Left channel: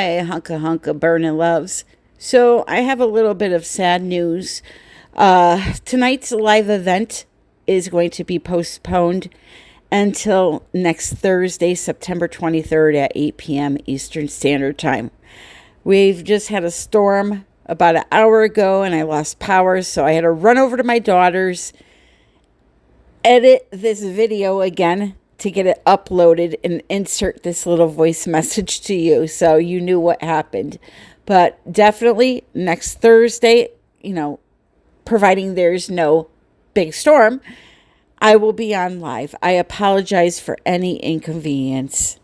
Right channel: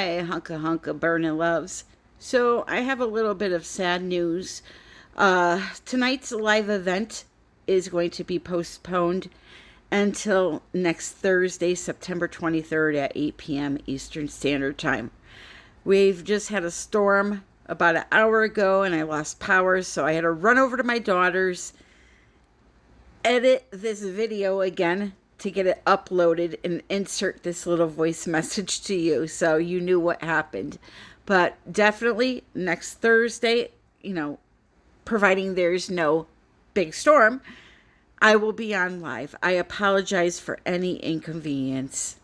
Hi, hunka burning loves. So I have a little bit of sad news. Tonight's live event is going to be postponed until next Thursday, September 23rd at 8 p.m. Eastern Standard Time. We've just had a storm about an hour ago and I lost power, so I had to run over to my daughter's, edit this video again to get it uploaded and insert this little voice message to you so you knew what happened. But definitely next Thursday, providing there's no big storm, I will be on live. I apologize for any inconvenience.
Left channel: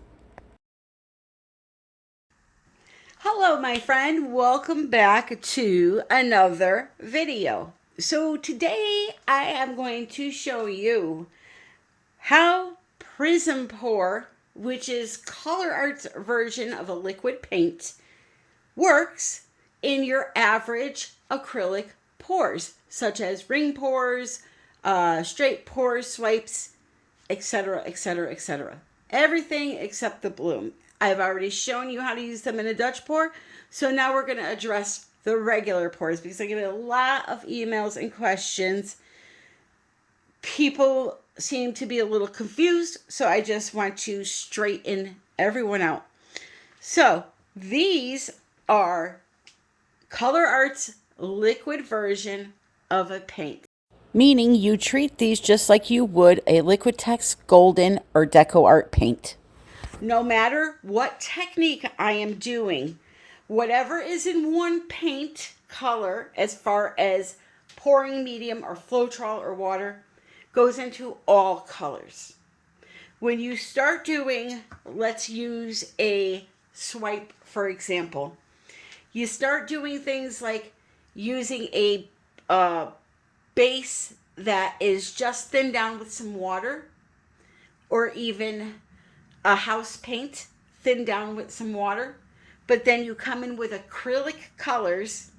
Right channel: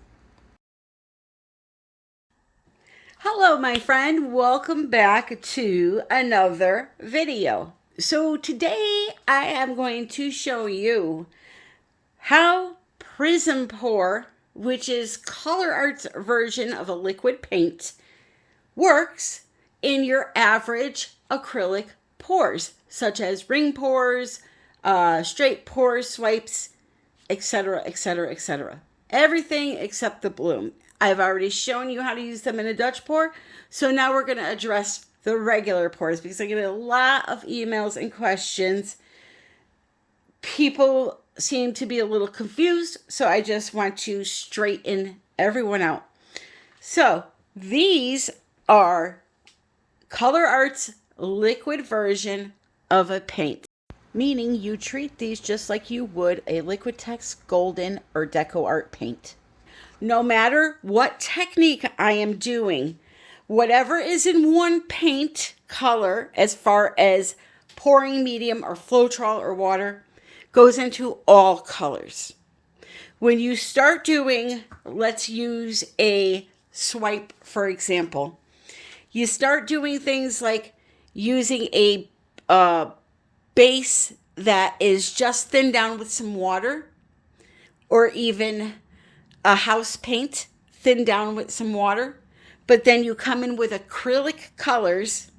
Hello, my friend. Welcome back to another video. So today I am going to show you how PRIZM Pour, which is COLOURARTE's version of a liquid paint, works in your average acrylic pours, such as ring pours, straight pour swipes, etc., etc., etc. Everything except the bloom. I've already shown you how to use them in a Dutch pour, so now we're going to address the regular pours because I get a lot of emails and questions. People seem to be a little confused, so I just want to straighten everyone out. So these are COLOURARTE's liquid version of a paint, meaning you treat these just like you would a Liquitex Golden or Deco Art paint. No matter what technique I am doing, whatever is in one paint color, as far as pouring medium or Floetrol or water, goes into all colors. When you start doing, let's use a swipe, for example, you start doing things like using a base that is just thinned down with some water, or even a house paint thinned down with some water, but then you come in with acrylic colors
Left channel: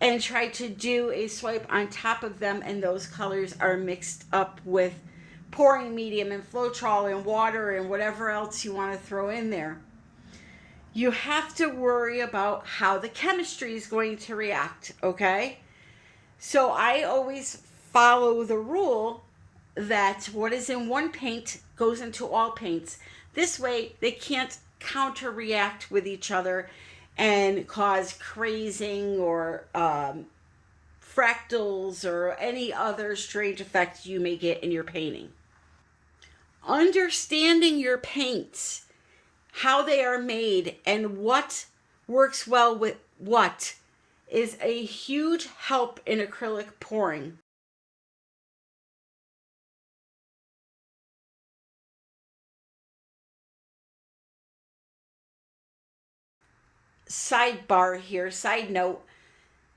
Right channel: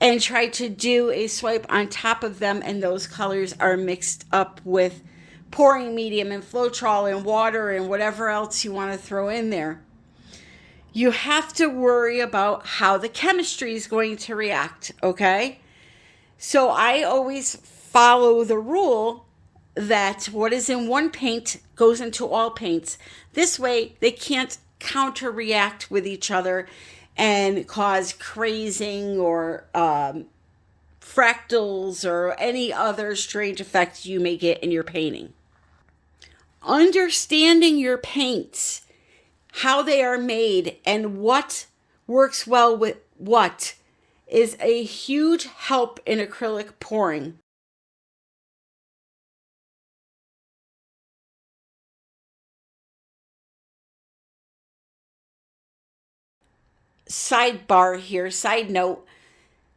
and try to do a swipe on top of them, and those colors are mixed up with pouring medium and Floetrol and water and whatever else you want to throw in there. You have to worry about how the chemistry is going to react, okay? So I always follow the rule that what is in one paint goes into all paints. This way, they can't counter-react with each other and cause crazing or fractals or any other strange effects you may get in your painting. Understanding your paints, how they are made, and what works well with what is a huge help in acrylic pouring. Sidebar here, side note,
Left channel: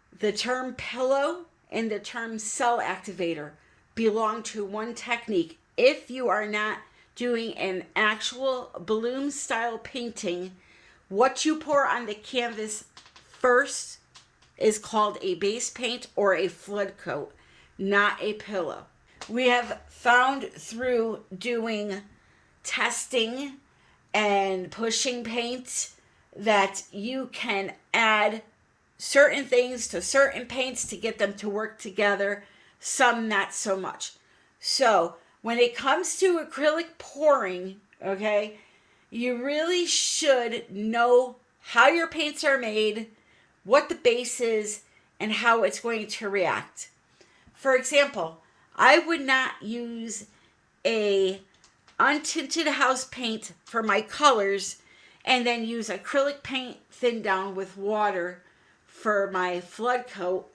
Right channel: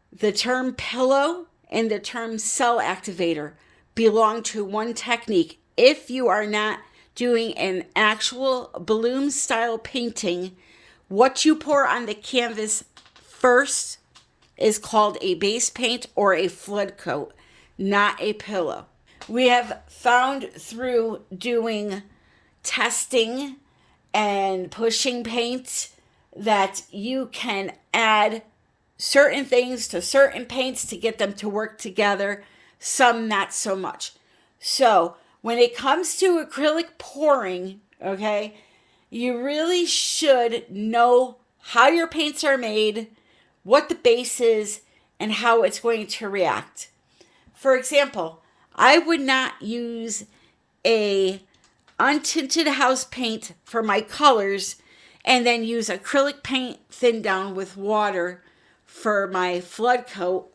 the term pillow and the term cell activator belong to one technique. If you are not doing an actual balloon style painting, what you pour on the canvas first is called a base paint or a flood coat, not a pillow. We have found through doing testing and pushing paint that you can add certain things to certain paints to get them to work together, some not so much. So when it comes to acrylic pouring, okay, you really should know how your paints are made, what the base is, and how it's going to react. For example, I would not use a untinted house paint for my colors and then use acrylic paint thinned down with water for my flood coat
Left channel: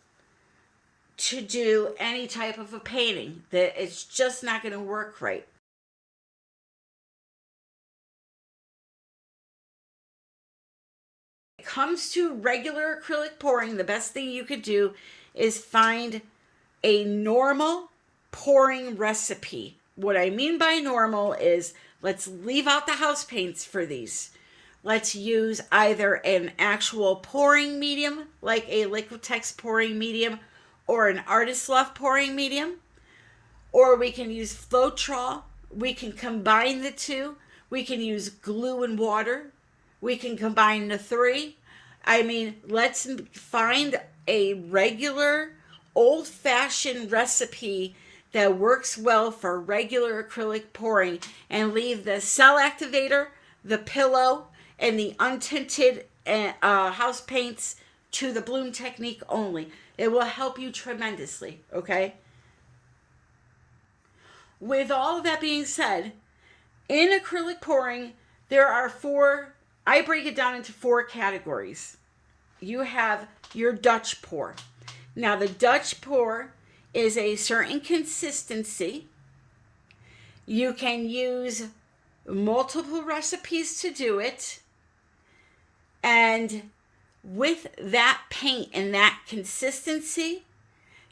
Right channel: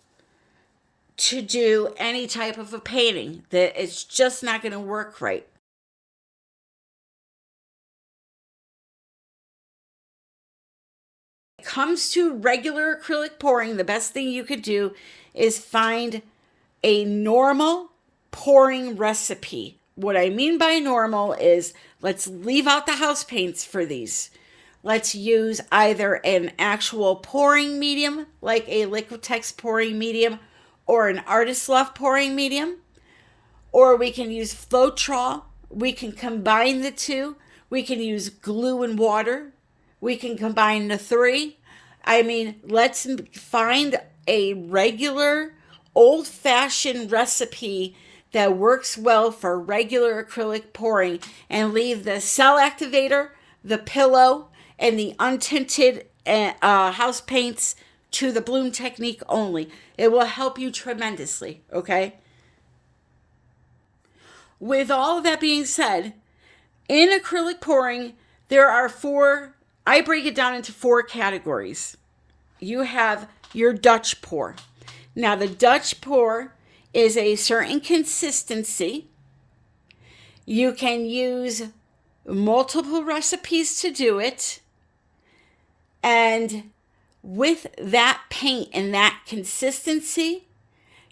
to do any type of a painting. That it's just not going to work right. When it comes to regular acrylic pouring, the best thing you could do is find a normal pouring recipe. What I mean by normal is, let's leave out the house paints for these. Let's use either an actual pouring medium, like a Liquitex pouring medium, or an Artist Love pouring medium, or we can use Floetrol. We can combine the two. We can use glue and water. We can combine the three. I mean, let's find a regular, old-fashioned recipe that works well for regular acrylic pouring and leave the cell activator, the pillow, and the untinted house paints to the bloom technique only. It will help you tremendously, okay? With all of that being said, in acrylic pouring, there are I break it down into 4 categories. You have your Dutch pour. Now, the Dutch pour is a certain consistency. You can use multiple recipes to do it. And with that paint and that consistency,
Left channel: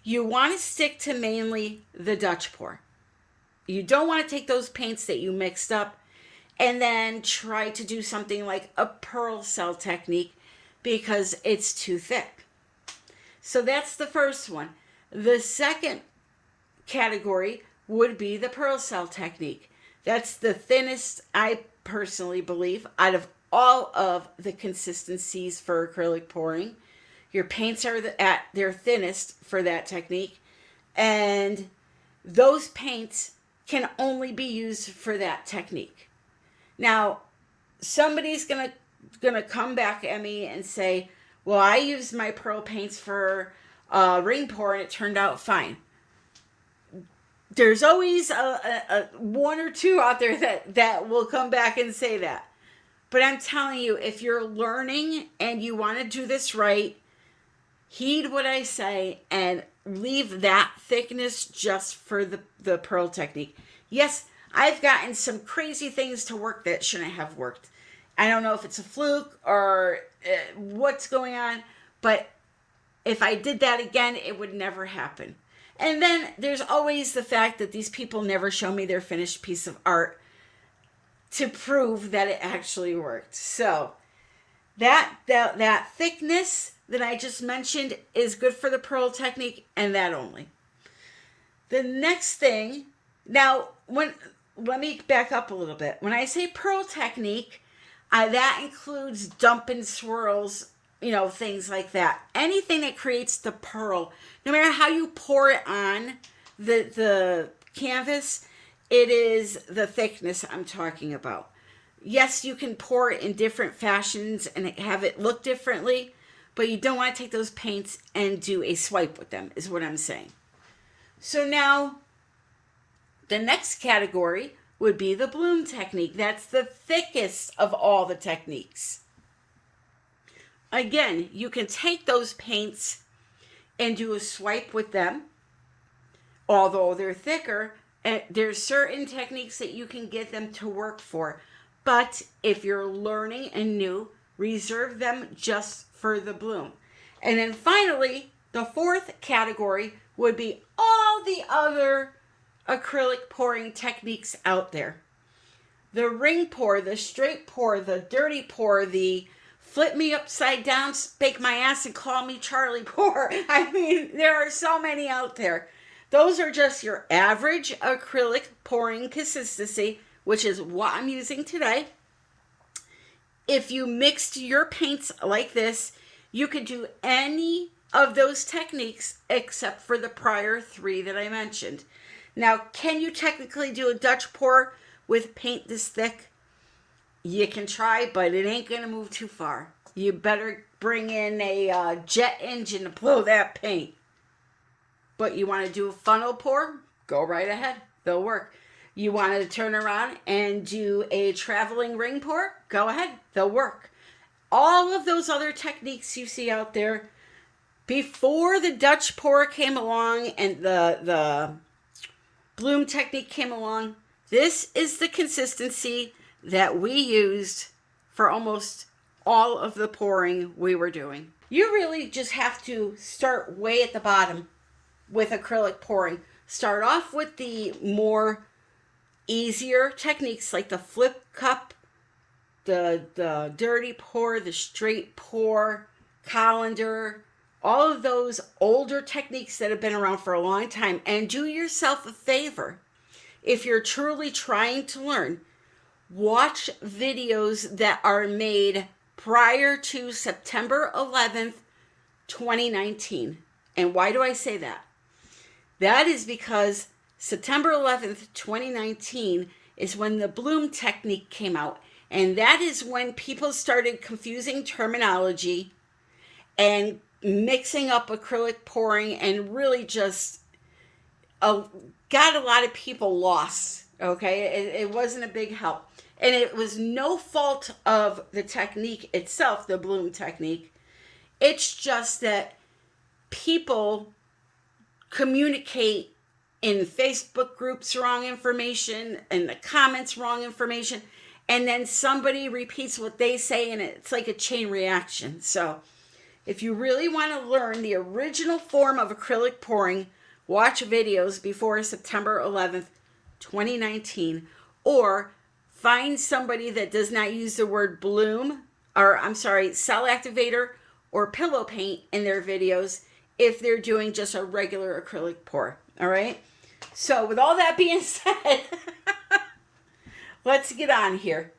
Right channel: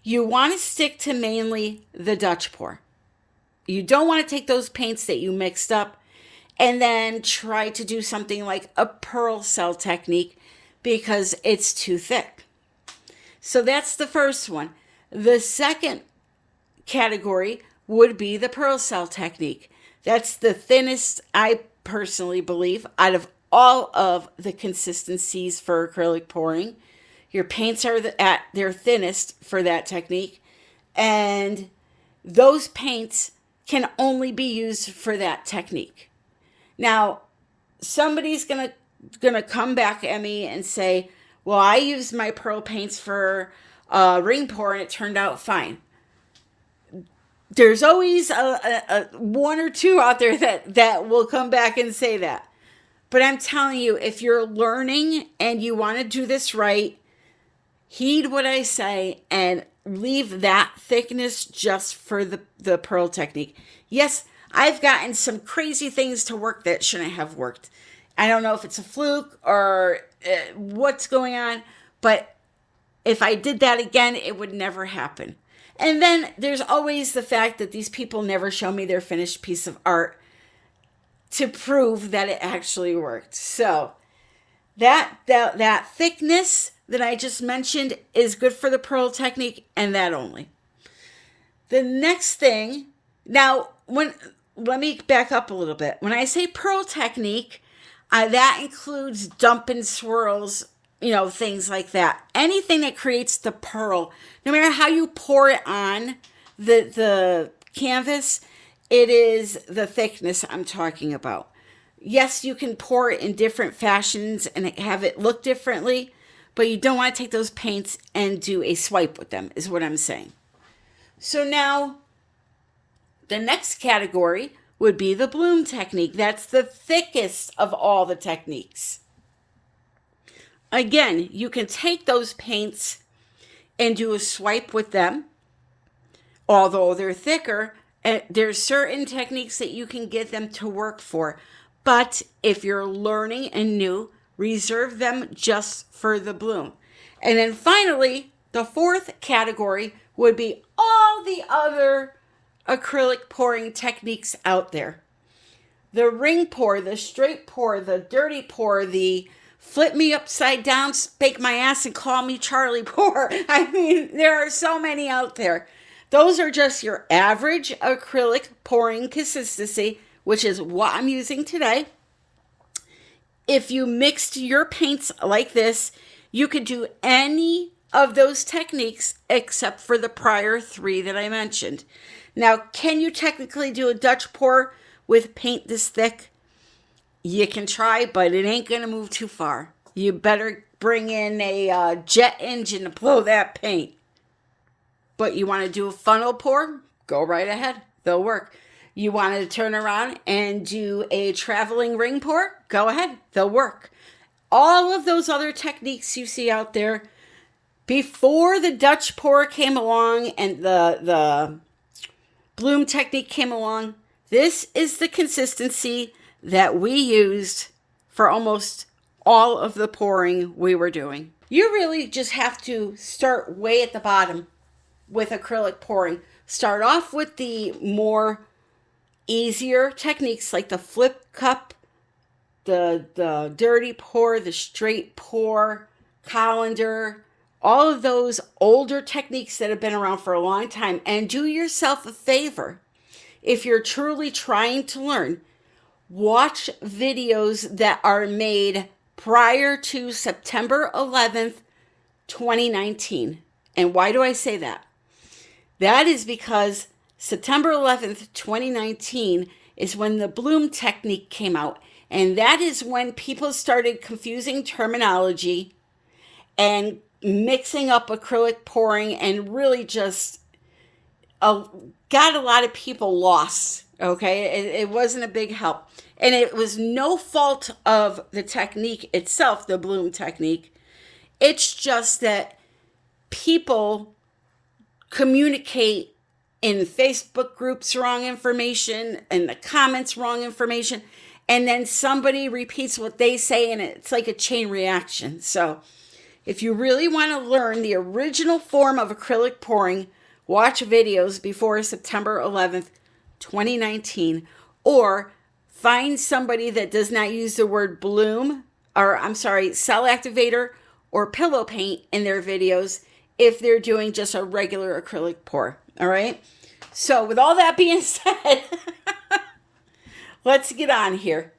you want to stick to mainly the Dutch pour. You don't want to take those paints that you mixed up and then try to do something like a pearl cell technique because it's too thick. So that's the first one. The second category would be the pearl cell technique. That's the thinnest, I personally believe, out of all of the consistencies for acrylic pouring. Your paints are at their thinnest for that technique. And those paints can only be used for that technique. Now, somebody's gonna come back at me and say, well, I used my pearl paints for ring pour and it turned out fine. There's always a one or two out there that will come back and say that. But I'm telling you, if you're learning and you want to do this right, heed what I say and leave that thickness just for the pearl technique. Yes, I've gotten some crazy things to work that shouldn't have worked. I don't know if it's a fluke or what's going on, but if I did that again, it would never happen. And then there's always the fact that these people never show me their finished piece of art to prove that it actually worked. So that thickness that I just mentioned is good for the pearl technique and that only. The next thing, now let me back up a little bit. When I say pearl technique, that includes dump and swirls, things like that. Anything that creates the pearl, no matter how you pour it on the canvas, it is the thickness I'm talking about. Yes, you can pour it in different fashions and have it look differently, but you don't want to take those paints and do a swipe with them, is what I'm saying. So now, the next category would be the bloom technique. That's the thickest of all the techniques. Again, you can take those paints and do a swipe with them. Although they're thicker, there's certain techniques that you can get them to work for. But if you're learning and new, reserve them just for the bloom. And then finally, the fourth category would be all the other acrylic pouring techniques out there. The ring pour, the straight pour, the dirty pour, the flip me upside down, spank my ass and call me Charlie pour. I mean, there are so many out there. Those are just your average acrylic pouring consistency, which is what I'm using today. If you mixed your paints like this, you could do any of those techniques except for the prior 3 that I mentioned. Now, can you technically do a Dutch pour with paint this thick? You can try, but it ain't going to move too far. You better bring in a jet engine to blow that paint. But you want to do a funnel pour? Go right ahead. They'll work. You want to turn around and do a traveling ring pour? Go ahead. They'll work. All of those other techniques you see out there, before the Dutch pour came along and the bloom technique came along, this is the consistency that we used for almost all of the pouring we were doing. You really just have to start way at the bottom with acrylic pouring. Start off with the more easier techniques like the flip cup, the dirty pour, the straight pour, colander, all of those older techniques that have been around for a long time. And do yourself a favor. If you're truly trying to learn, watch videos that are made prior to September 11th, 2019. And why do I say that? That is because September 11th, 2019 is when the bloom technique came out. And that is when people started confusing terminology and mixing up acrylic pouring and really just got a lot of people lost. Okay, it wasn't a big help. And it was no fault of the technique itself, the bloom technique. It's just that people communicate in Facebook groups wrong information, in the comments wrong information, and then somebody repeats what they say, and it's like a chain reaction. So if you really want to learn the original form of acrylic pouring, watch videos before September 11th, 2019, or find somebody that does not use the word bloom, or I'm sorry, cell activator or pillow paint in their videos if they're doing just a regular acrylic pour. All right. So with all that being said, let's get on here.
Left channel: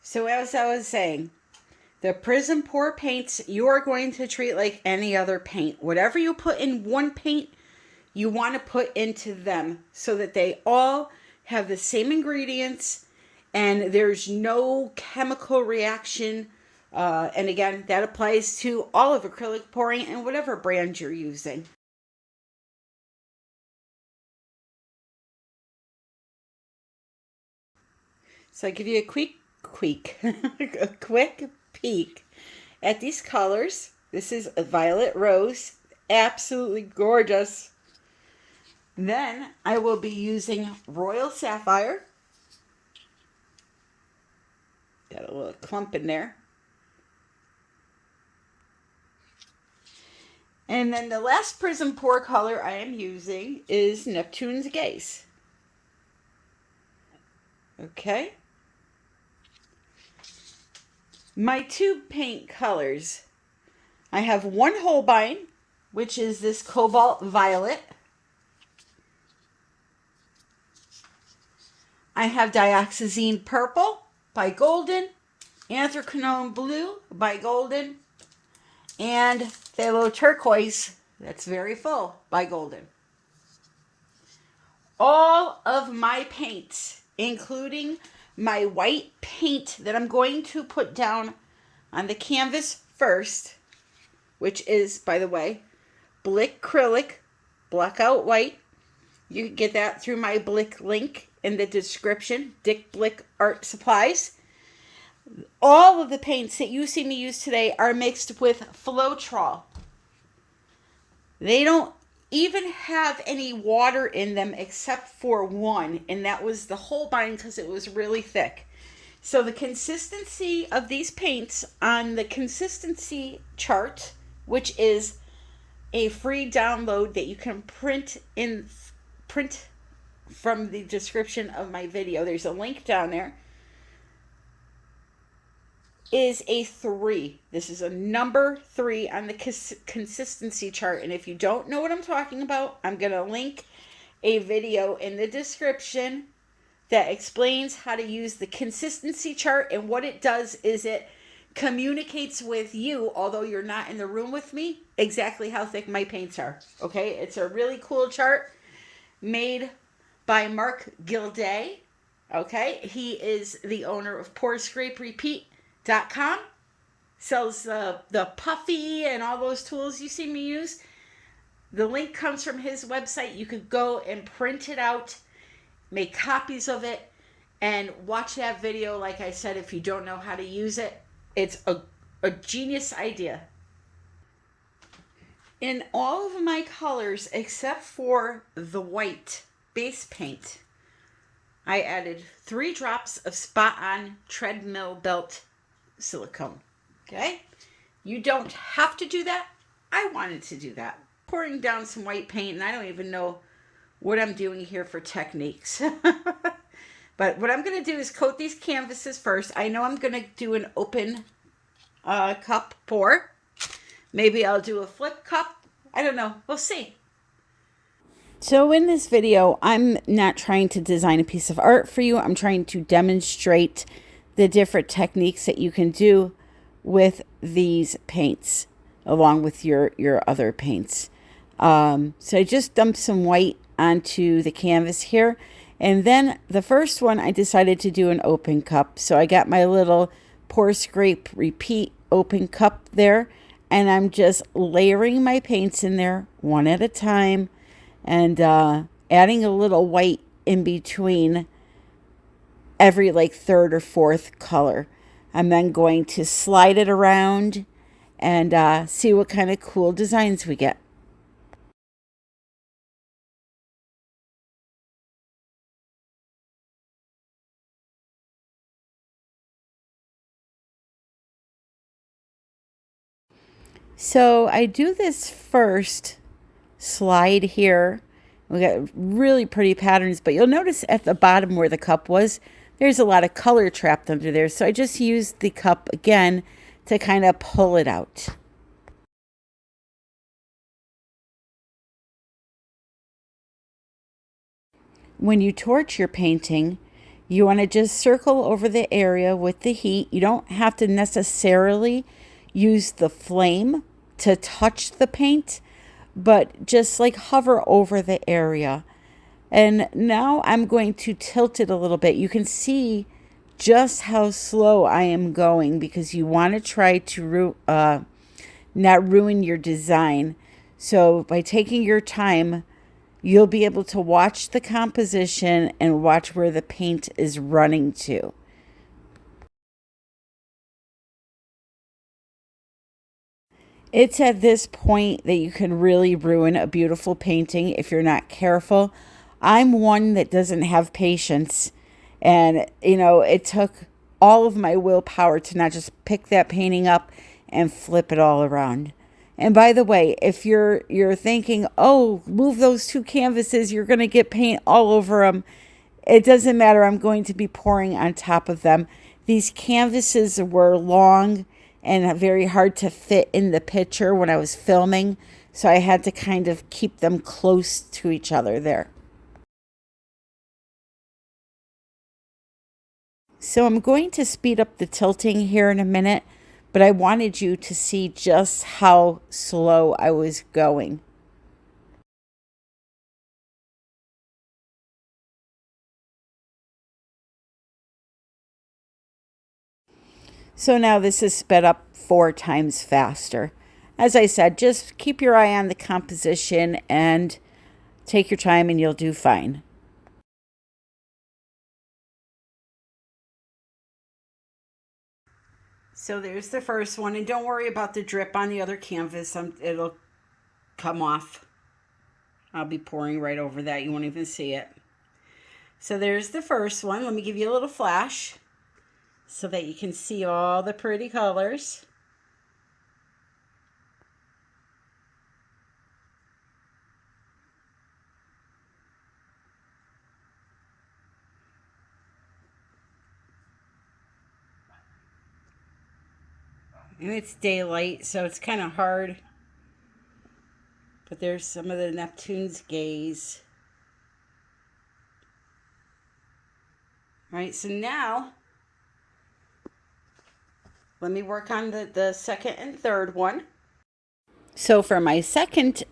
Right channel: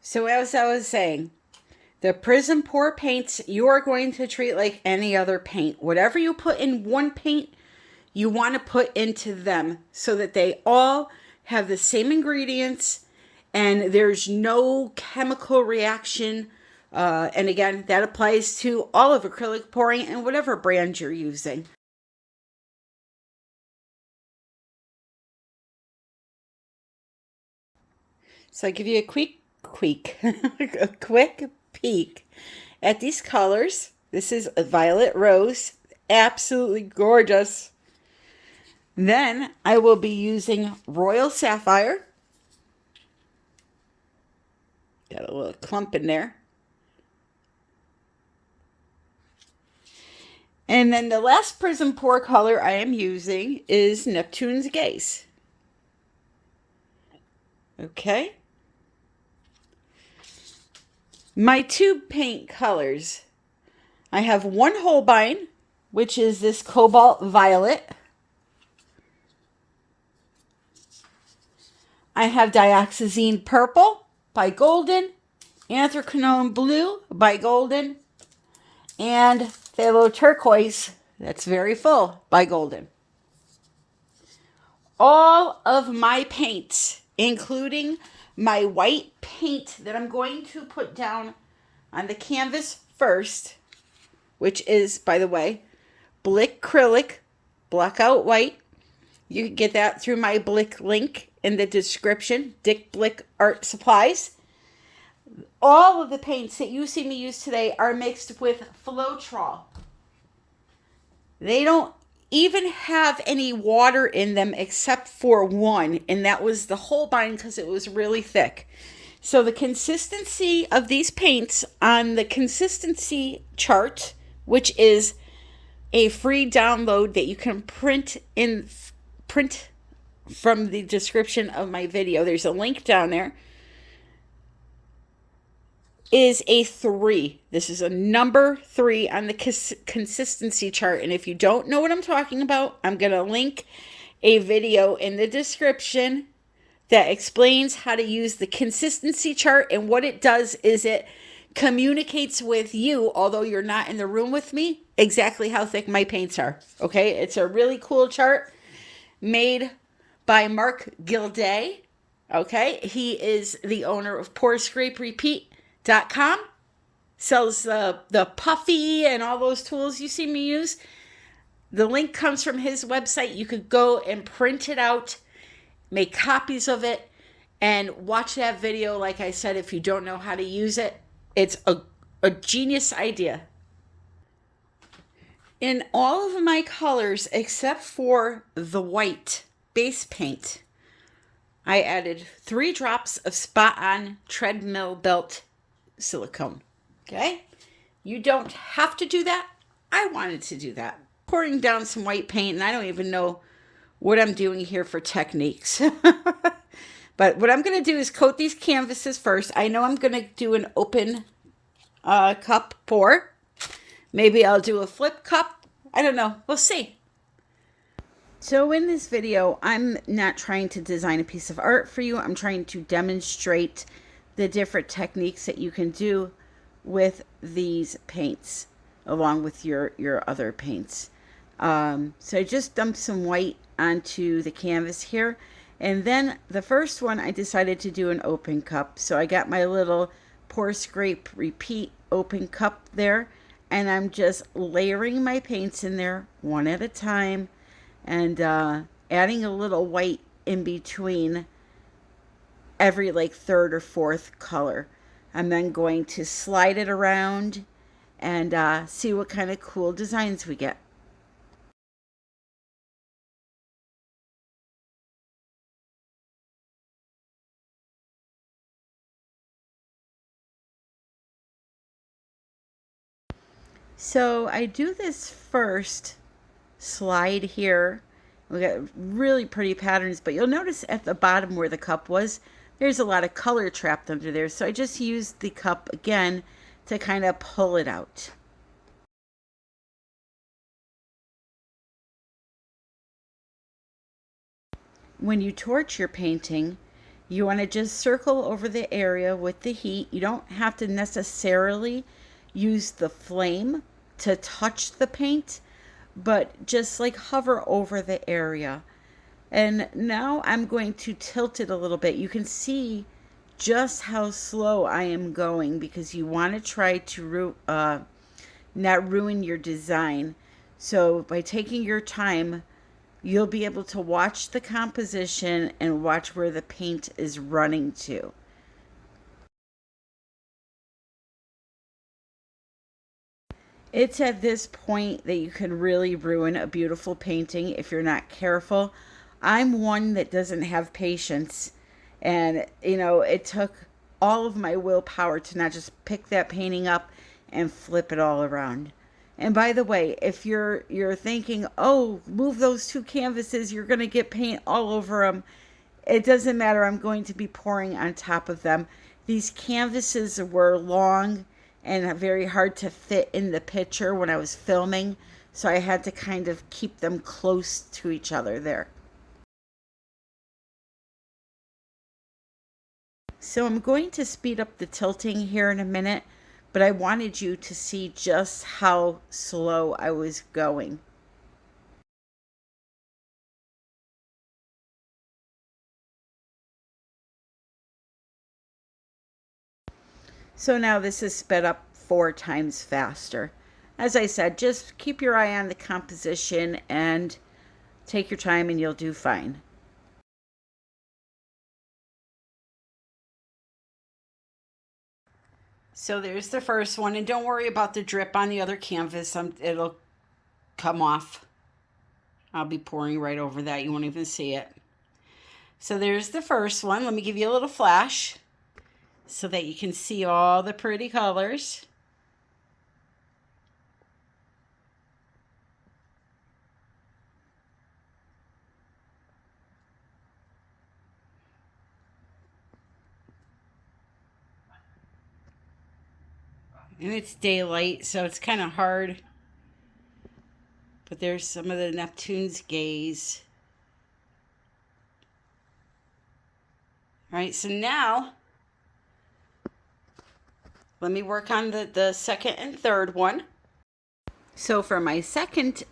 So as I was saying, the PRIZM pour paints you are going to treat like any other paint. Whatever you put in one paint, you want to put into them so that they all have the same ingredients and there's no chemical reaction. And again, that applies to all of acrylic pouring and whatever brand you're using. So I give you a quick peek at these colors. This is a violet rose, absolutely gorgeous. Then I will be using royal sapphire. Got a little clump in there. And then the last PRIZM pour color I am using is Neptune's Gaze. Okay. My tube paint colors. I have one Holbein, which is this cobalt violet. I have dioxazine purple by Golden, anthracnone blue by Golden, and phthalo turquoise, that's very full, by Golden. All of my paints, including my white paint that I'm going to put down on the canvas first, which is, by the way, Blick Acrylic Blackout White. You can get that through my Blick link in the description, Dick Blick Art Supplies. All of the paints that you see me use today are mixed with Floetrol. They don't even have any water in them except for one, and that was the Holbein because it was really thick. So the consistency of these paints on the consistency chart, which is a free download that you can print from the description of my video. There's a link down there. Is a 3. This is a number 3 on the consistency chart. And if you don't know what I'm talking about, I'm going to link a video in the description that explains how to use the consistency chart. And what it does is it communicates with you, although you're not in the room with me, exactly how thick my paints are. Okay, it's a really cool chart made by Mark Gilday. Okay, he is the owner of PoursCrapeRepeat.com. Sells the puffy and all those tools you see me use. The link comes from his website. You could go and print it out, make copies of it, and watch that video. Like I said, if you don't know how to use it, it's a genius idea. In all of my colors, except for the white base paint, I added 3 drops of spot-on treadmill belt silicone. Okay? You don't have to do that. I wanted to do that. Pouring down some white paint, and I don't even know what I'm doing here for techniques. But what I'm going to do is coat these canvases first. I know I'm going to do an open cup pour. Maybe I'll do a flip cup. I don't know. We'll see. So in this video, I'm not trying to design a piece of art for you. I'm trying to demonstrate the different techniques that you can do with these paints along with your other paints. So I just dumped some white onto the canvas here. And then the first one, I decided to do an open cup. So I got my little pour, scrape, repeat open cup there. And I'm just layering my paints in there one at a time. And adding a little white in between every like third or fourth color. I'm then going to slide it around and see what kind of cool designs we get. So I do this first slide here. We got really pretty patterns, but you'll notice at the bottom where the cup was, there's a lot of color trapped under there. So I just used the cup again to kind of pull it out. When you torch your painting, you want to just circle over the area with the heat. You don't have to necessarily use the flame to touch the paint, but just like hover over the area. And now I'm going to tilt it a little bit. You can see just how slow I am going because you want to try to not ruin your design. So by taking your time, you'll be able to watch the composition and watch where the paint is running to. It's at this point that you can really ruin a beautiful painting if you're not careful. I'm one that doesn't have patience. And, you know, it took all of my willpower to not just pick that painting up and flip it all around. And by the way, if you're thinking, oh, move those two canvases, you're going to get paint all over them. It doesn't matter. I'm going to be pouring on top of them. These canvases were long and very hard to fit in the picture when I was filming. So I had to kind of keep them close to each other there. So I'm going to speed up the tilting here in a minute, but I wanted you to see just how slow I was going. So now this is sped up 4 times faster. As I said, just keep your eye on the composition and take your time and you'll do fine. So there's the first one, and don't worry about the drip on the other canvas. It'll come off. I'll be pouring right over that. You won't even see it. So there's the first one. Let me give you a little flash so that you can see all the pretty colors. And it's daylight, so it's kind of hard. But there's some of the Neptune's gaze. All right, so now let me work on the second and third one. So for my second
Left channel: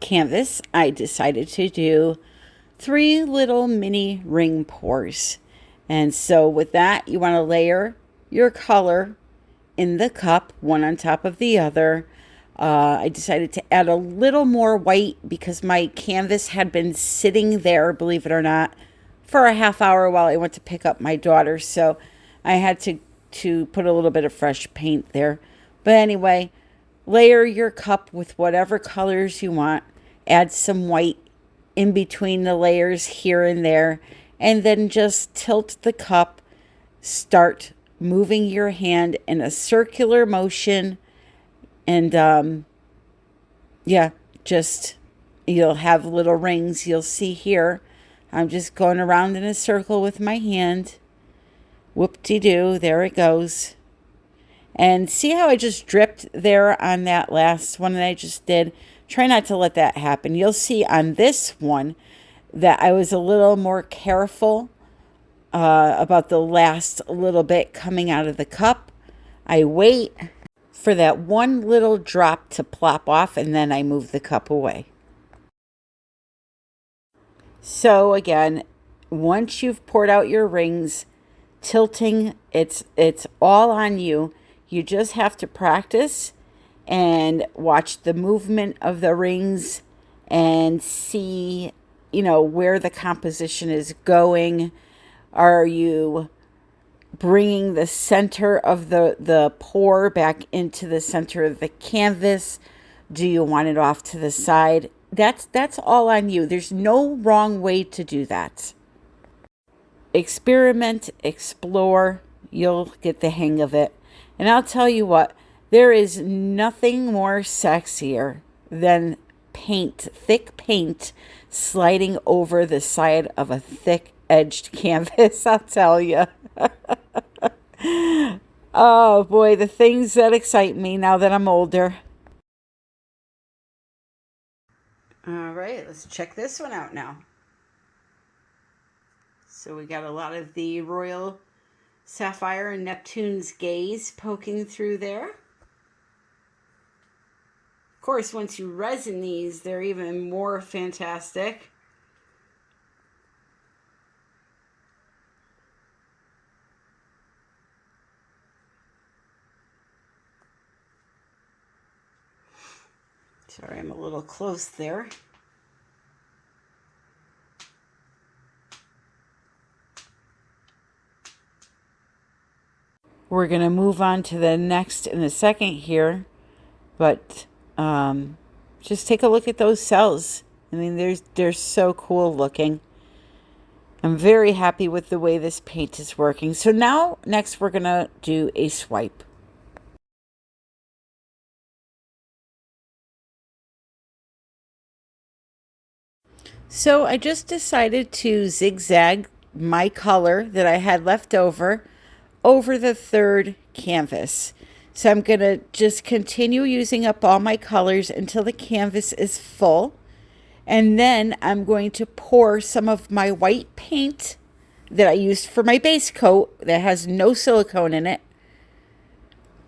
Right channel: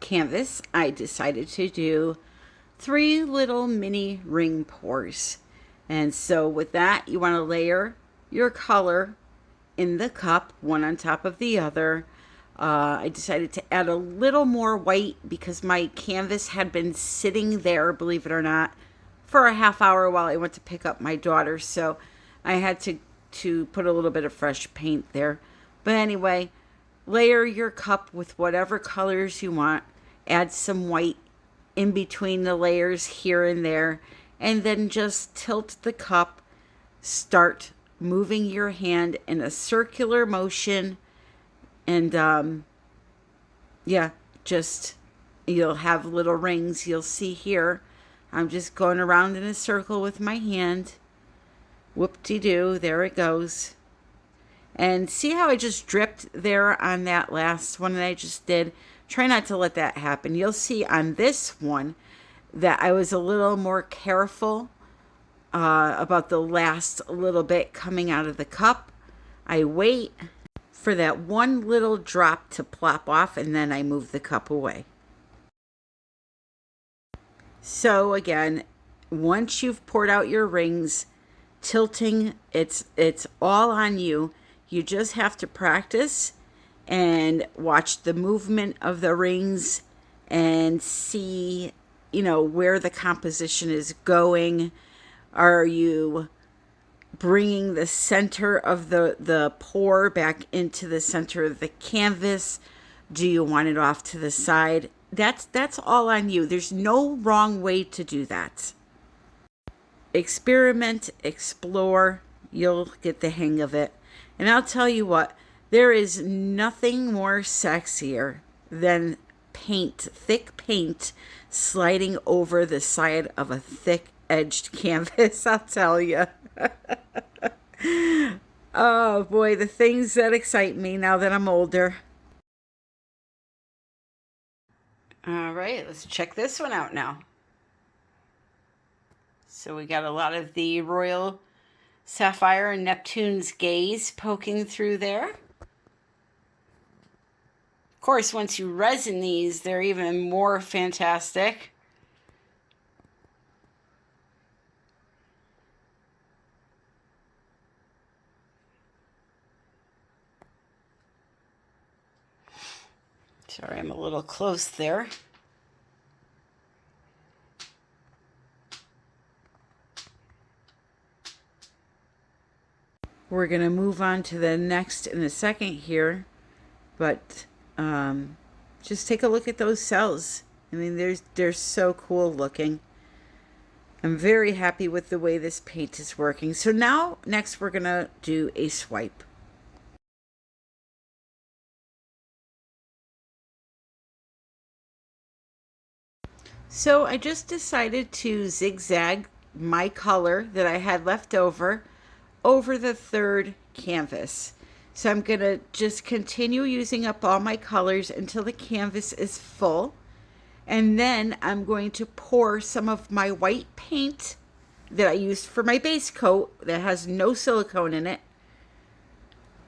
canvas, I decided to do 3 little mini ring pours. And so with that, you want to layer your color in the cup, one on top of the other. I decided to add a little more white because my canvas had been sitting there, believe it or not, for a half hour while I went to pick up my daughter. So I had to put a little bit of fresh paint there. But anyway, layer your cup with whatever colors you want. Add some white in between the layers here and there. And then just tilt the cup. Start moving your hand in a circular motion. And yeah, just you'll have little rings. You'll see here. I'm just going around in a circle with my hand. Whoop-de-doo, there it goes. And see how I just dripped there on that last one that I just did? Try not to let that happen. You'll see on this one, that I was a little more careful about the last little bit coming out of the cup. I wait for that one little drop to plop off, and then I move the cup away. So again, once you've poured out your rings, tilting, it's all on you. You just have to practice and watch the movement of the rings and see, you know, where the composition is going. Are you bringing the center of the pour back into the center of the canvas? Do you want it off to the side? That's all on you. There's no wrong way to do that. Experiment, explore, you'll get the hang of it. And I'll tell you what, there is nothing more sexier than paint, thick paint, sliding over the side of a thick edged canvas, I'll tell you. Oh boy, the things that excite me now that I'm older. All right, let's check this one out now. So we got a lot of the Royal Sapphire and Neptune's Gaze poking through there. Of course, once you resin these, they're even more fantastic. Sorry, I'm a little close there. We're going to move on to the next in a second here, but just take a look at those cells. I mean, they're so cool looking. I'm very happy with the way this paint is working. So now, next we're going to do a swipe. So I just decided to zigzag my color that I had left over the third canvas. So I'm going to just continue using up all my colors until the canvas is full. And then I'm going to pour some of my white paint that I used for my base coat that has no silicone in it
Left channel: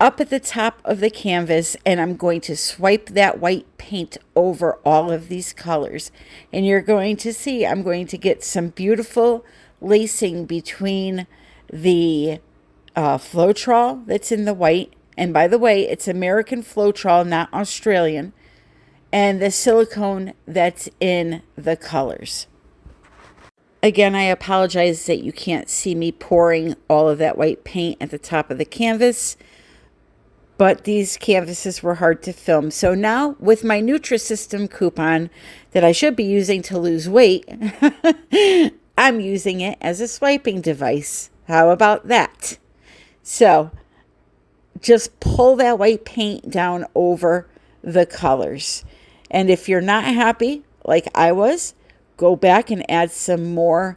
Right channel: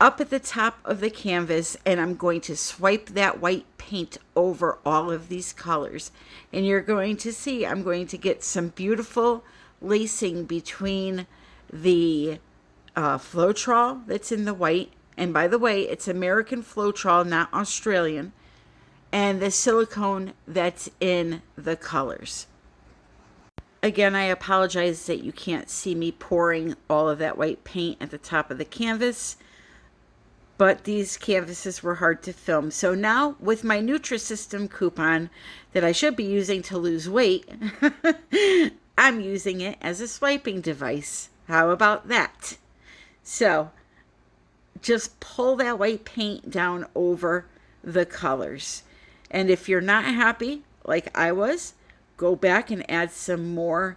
up at the top of the canvas, and I'm going to swipe that white paint over all of these colors. And you're going to see I'm going to get some beautiful lacing between the Floetrol that's in the white, and by the way, it's American Floetrol, not Australian, and the silicone that's in the colors. Again, I apologize that you can't see me pouring all of that white paint at the top of the canvas, but these canvases were hard to film. So now with my Nutrisystem coupon that I should be using to lose weight, I'm using it as a swiping device. How about that? So just pull that white paint down over the colors. And if you're not happy, like I was, go back and add some more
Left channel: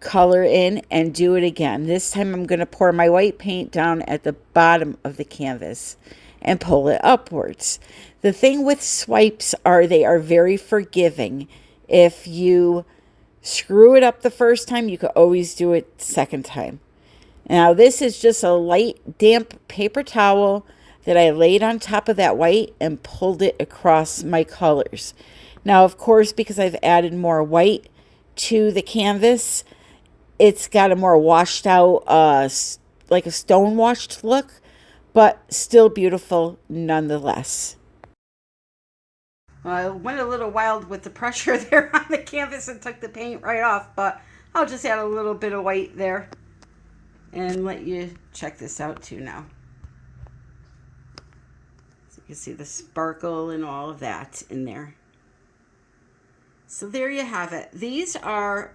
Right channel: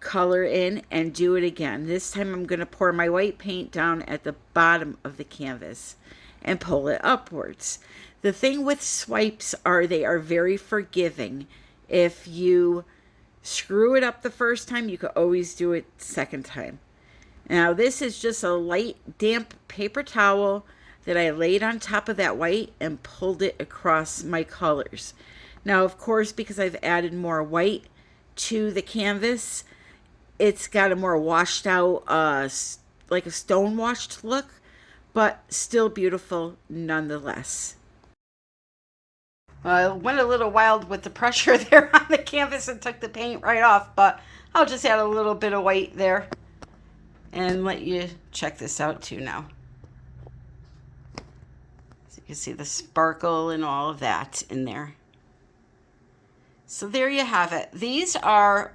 color in and do it again. This time I'm going to pour my white paint down at the bottom of the canvas and pull it upwards. The thing with swipes are they are very forgiving. If you screw it up the first time, you could always do it second time. Now this is just a light damp paper towel that I laid on top of that white and pulled it across my colors. Now of course, because I've added more white to the canvas, it's got a more washed out, like a stone washed look, but still beautiful nonetheless. I went a little wild with the pressure there on the canvas and took the paint right off, but I'll just add a little bit of white there and let you check this out too now. So you can see the sparkle and all of that in there. So there you have it. These are,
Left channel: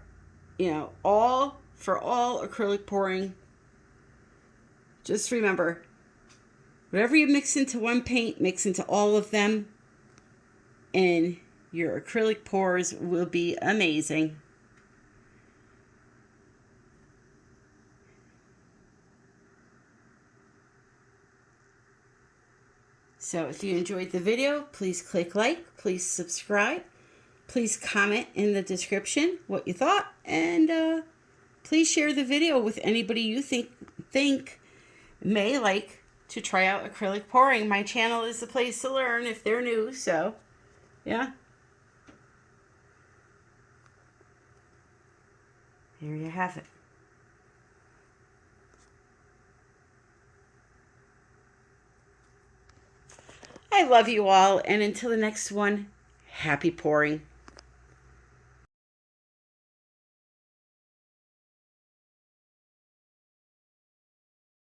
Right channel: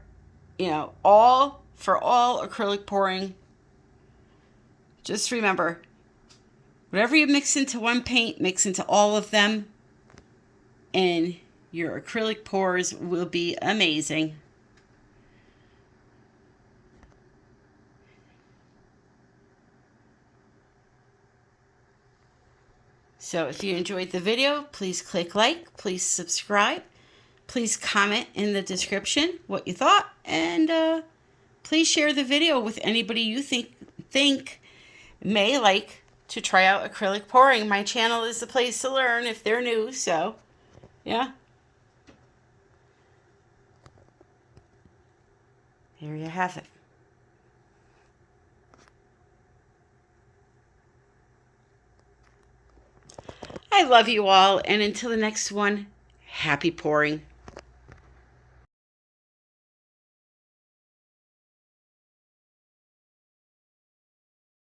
you know, all acrylic pouring. Just remember, whatever you mix into one paint, mix into all of them, and your acrylic pours will be amazing. So if you enjoyed the video, please click like, please subscribe. Please comment in the description what you thought, and please share the video with anybody you think may like to try out acrylic pouring. My channel is the place to learn if they're new, so yeah. There you have it. I love you all, and until the next one, happy pouring.